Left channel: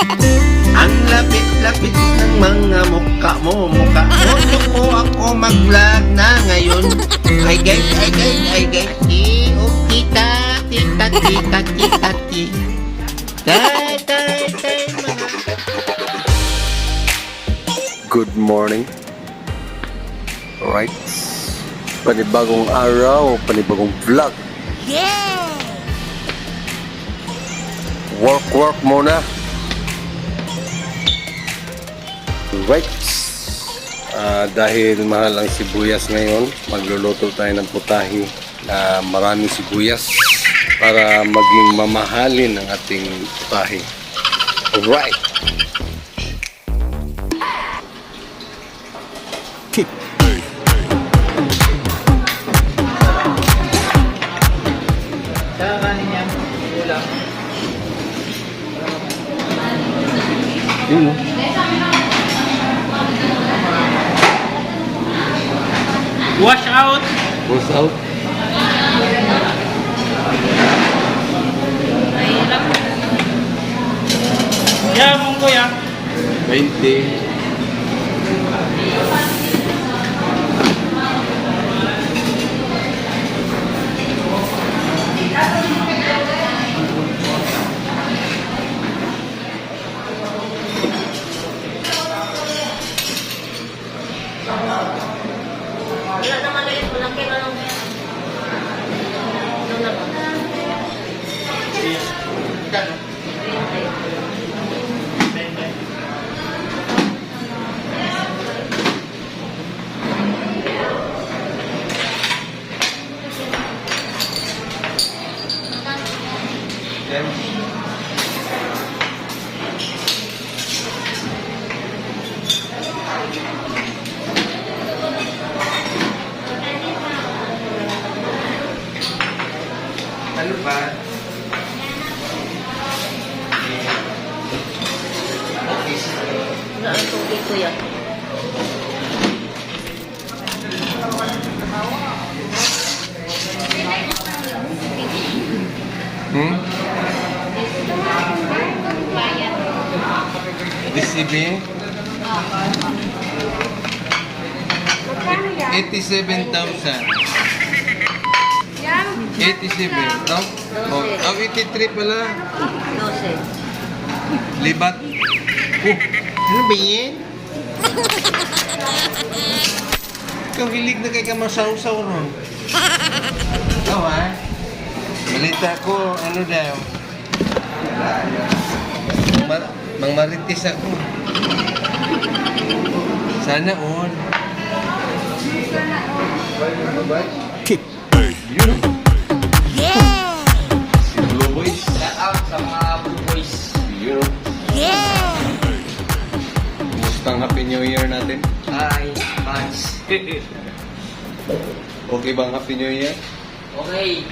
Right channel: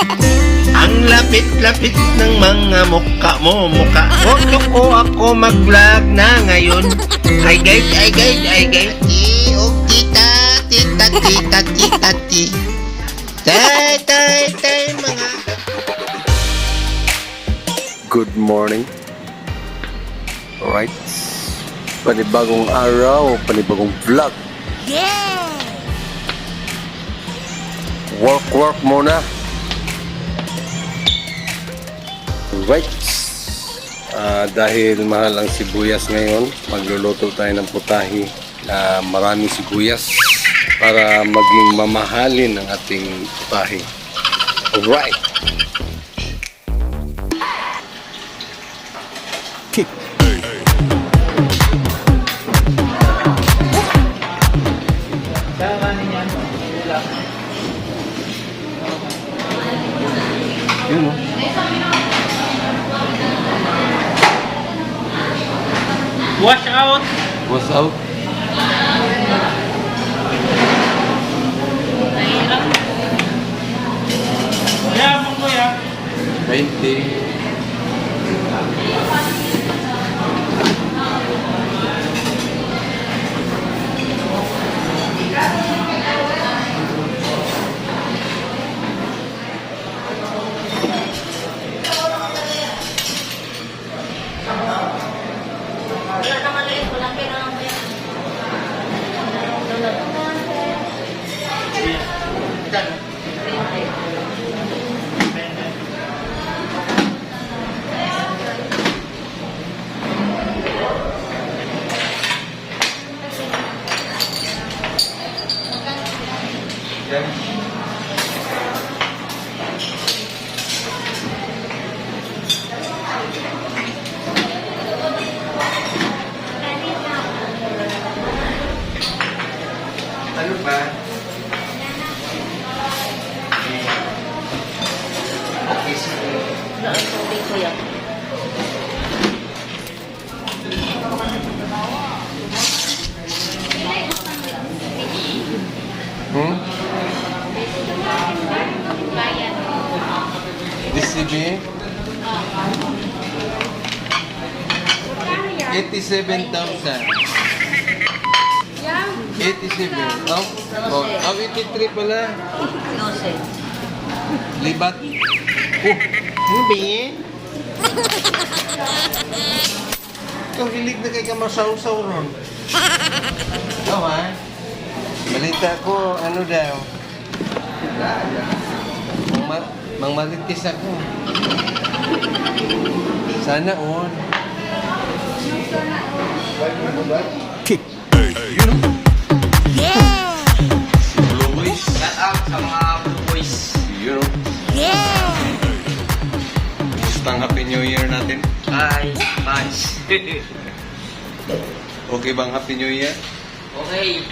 Ang lapit-lapit ng mga mukha mo, mukha mo. Loko ako mag-vlog na ngayon. Ay guys, ay guys, ay guys. Oh, tita, tita, tita, tita, tita. Tay, mga. Good morning. Alright. Panibagong araw, panibagong vlog. Yeah! Work muna. Right. Dahil mahal ang sibuyas ngayon, magluluto tayo ng putahe na maraming sibuyas para maging mamahalin ang ating putahe. Alright. Kick. Yun o. Wash out. What's out? Mahirap. Kaya mo kuya. 20. Ano ba? Okay, sige. Wala ang tubig ko yan. DCB? 87,000. 87, no? Oh, 83 pala. Libat. Ano ba yan? Ikaw hilig na kay ka masaw-saw ron. Ikaw ha? Balita ko, ano daw? Mang maritis ako. Sana all. Kick. Yun. Yeah! Si Blue Boys. Shout out sa mga Blue Boys. Yun. Yeah! Kumusta ang Happy New Year natin? Hi, Punch. Okay bang Happy New Year? Okay.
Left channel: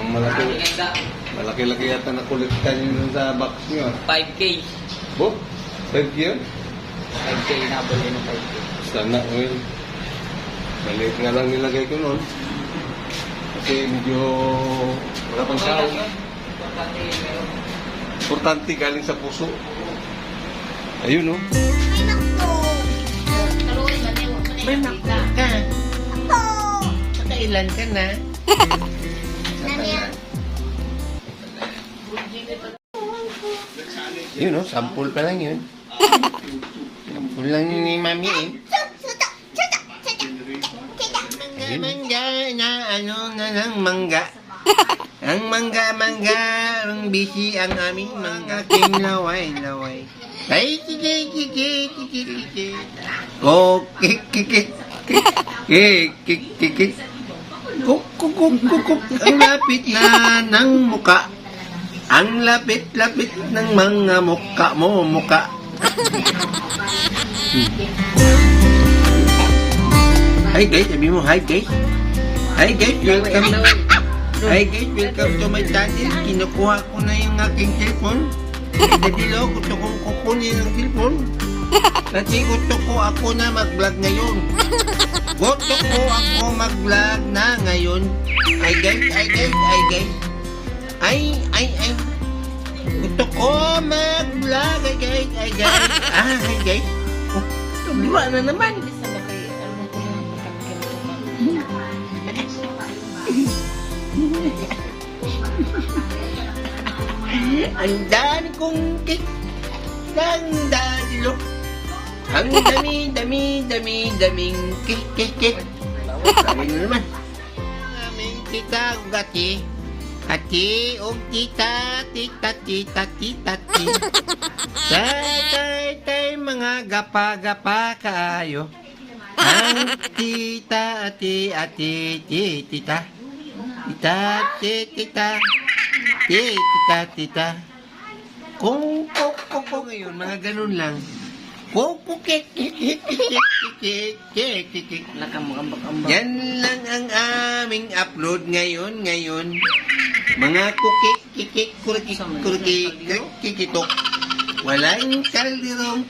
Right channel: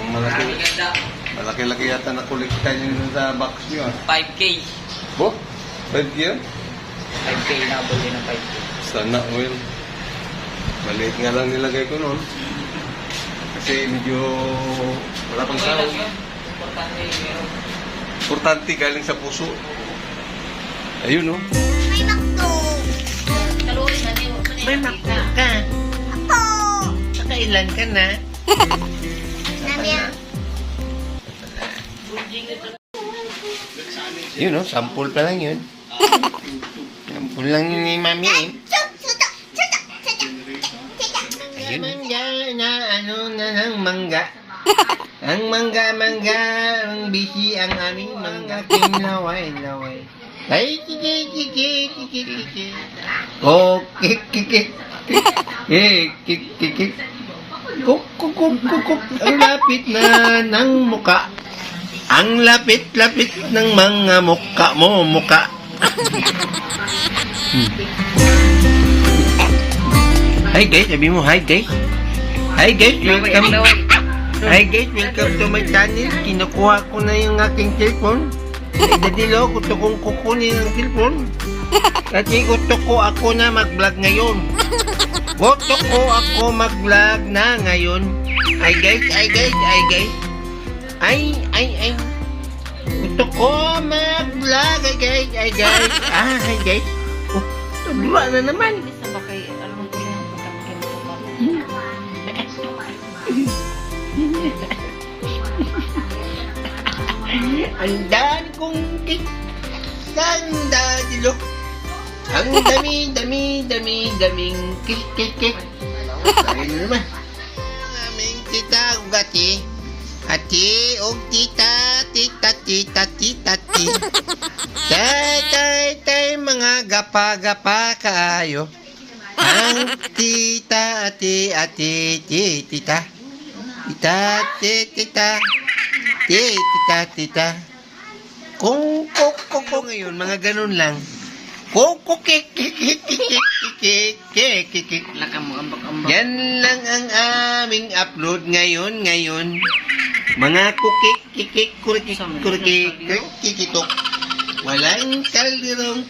Ang malaki-laki yata nakolekta nyo sa box nyo. 5K. Bo? 5 yun? 5K na bali ng 5K. Sana oil. Maliit nga lang nilagay ko noon. Kasi medyo wala pang tao. Importante galing sa puso. Ayun no. May makto ka. Nakailan ka na? Yun no, sample pa lang yun. Sample lang ni Mami eh. Mangga na ano na ng mangga. Ang mangga, ang bisi ang aming mangga. Kinlaway. Ay, kiki. Oh, kik. Kuk. Ang lapit na ng muka. Ang lapit-lapit ng mga mukha mo, mukha. Hi guys, sabi mo hi guys. Hi guys, welcome. Hi guys, welcome to my channel. Kinukuha ko na yung aking cellphone. Nadilo, gusto kong kukunin yung cellphone. Kasi gusto ko ako na mag-vlog ngayon. Gusto ko ako mag-vlog na ngayon. Hi guys. Ay. Gusto ko mag-vlog. Hi guys. Hi guys. Oh, tumula na naman. Bisa ba kay alam ko na pagkakin ko pa. Ang daan kong tik. Ganda dilo. Ang daming kik. Sabi na naman. Ang aming tita ugati. Ati og tita. Tay mga gapa kaayo. Ang tita ati tita. Tita. Kung ngayon, mga ganun lang. Kik. Lakam mo ambak-ambak. Yan lang ang aming upload ngayon. Mga kikitok. Walang kaldirong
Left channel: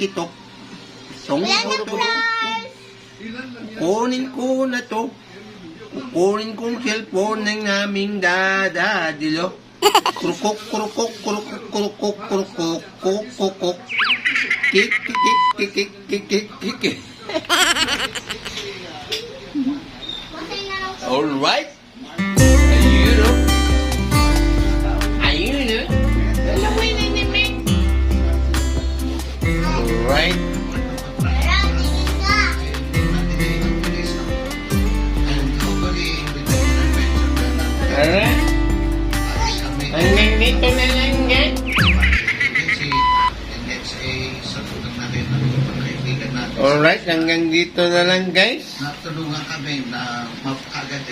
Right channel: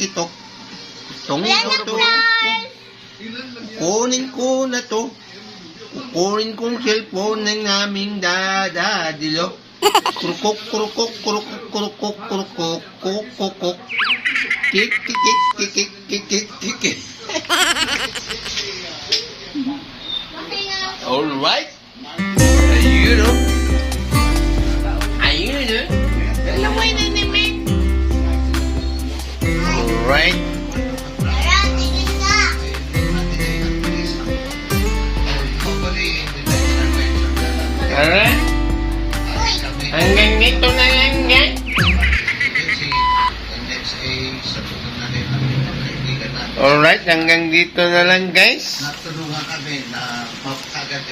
kitok. Kunin ko na to. Kukunin kong cellphone ng aming dadadilo. Kurukok. Kik. Alright. Ayun. Dalaway na naman. Alright. Alright. Hanggang dito na lang guys. Alright, hanggang dito na lang guys. Natulungan kami na agad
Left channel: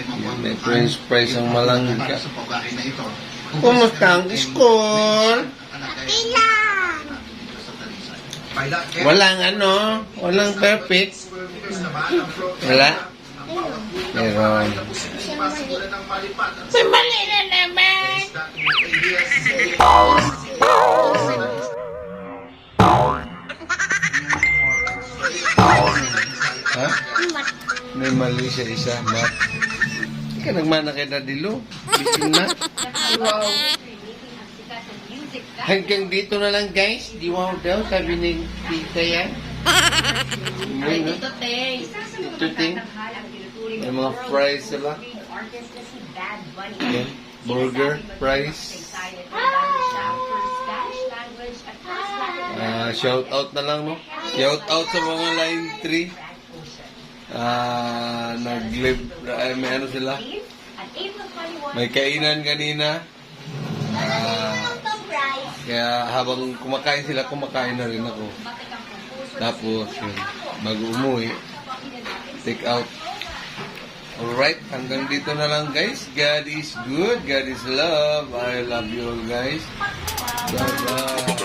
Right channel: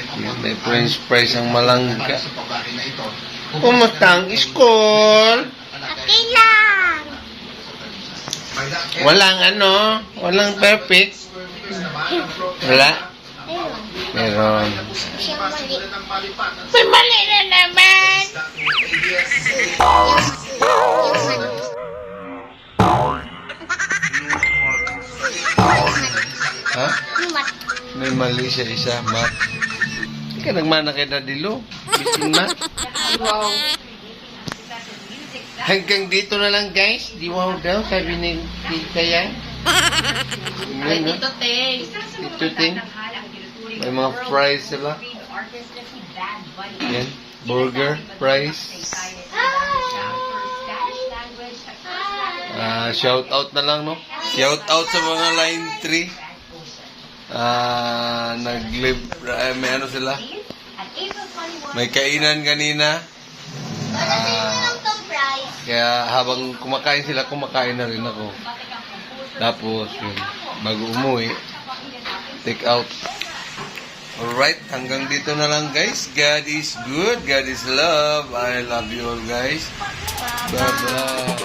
May french fries ang malangka. sa pabahay na ito. Kumusta ang school? Okay lang. Walang perfect. Wala. Meron. Siyang mali. May mali na naman. Ha? May mali siya isa, Matt. Hindi ka nagmana kay Dadilo. Bitin Matt. Wow. Hanggang dito na lang guys. Di wow daw, sabi ni Tita yan. Ay, dito, te. Ito ting. May mga fries sila. Yan. Burger, fries. Shout out na lang, no? Shout out sa mga line 3. Nag-live, may ano sila? May kainan kanina. Kaya habang kumakain sila, kumakain na rin ako. Tapos, yun, bago umuwi, take out. Alright, hanggang dito na lang guys. God is good. God is love. I love you all guys. Bye-bye.